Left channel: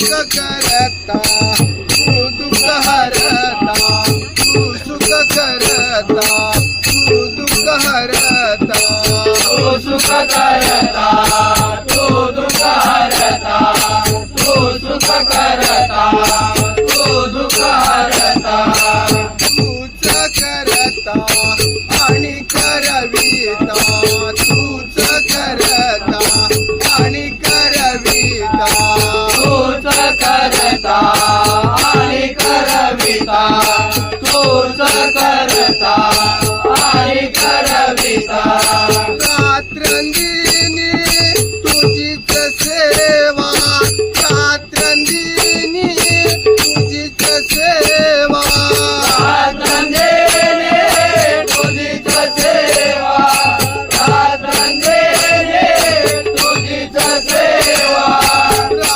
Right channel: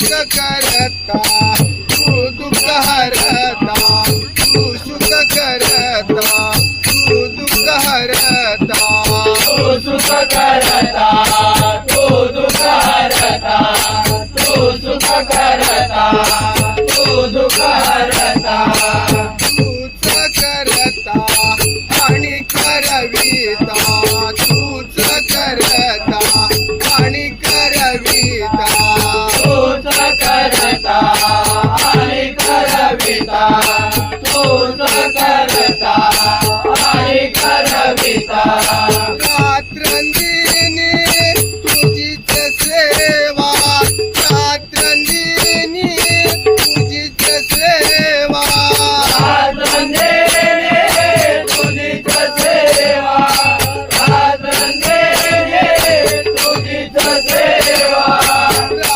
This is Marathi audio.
सुख करता तू दुःख हरता तू सुख करता तू दुःख हरता तू सुख करता तू दुःख हरता तू सुख करता तू दुःख हरता तूच करता आणि करविता तूच करता आणि करविता तूच करता आणि करविता तूच करता आणि करविता रात्रंदिनी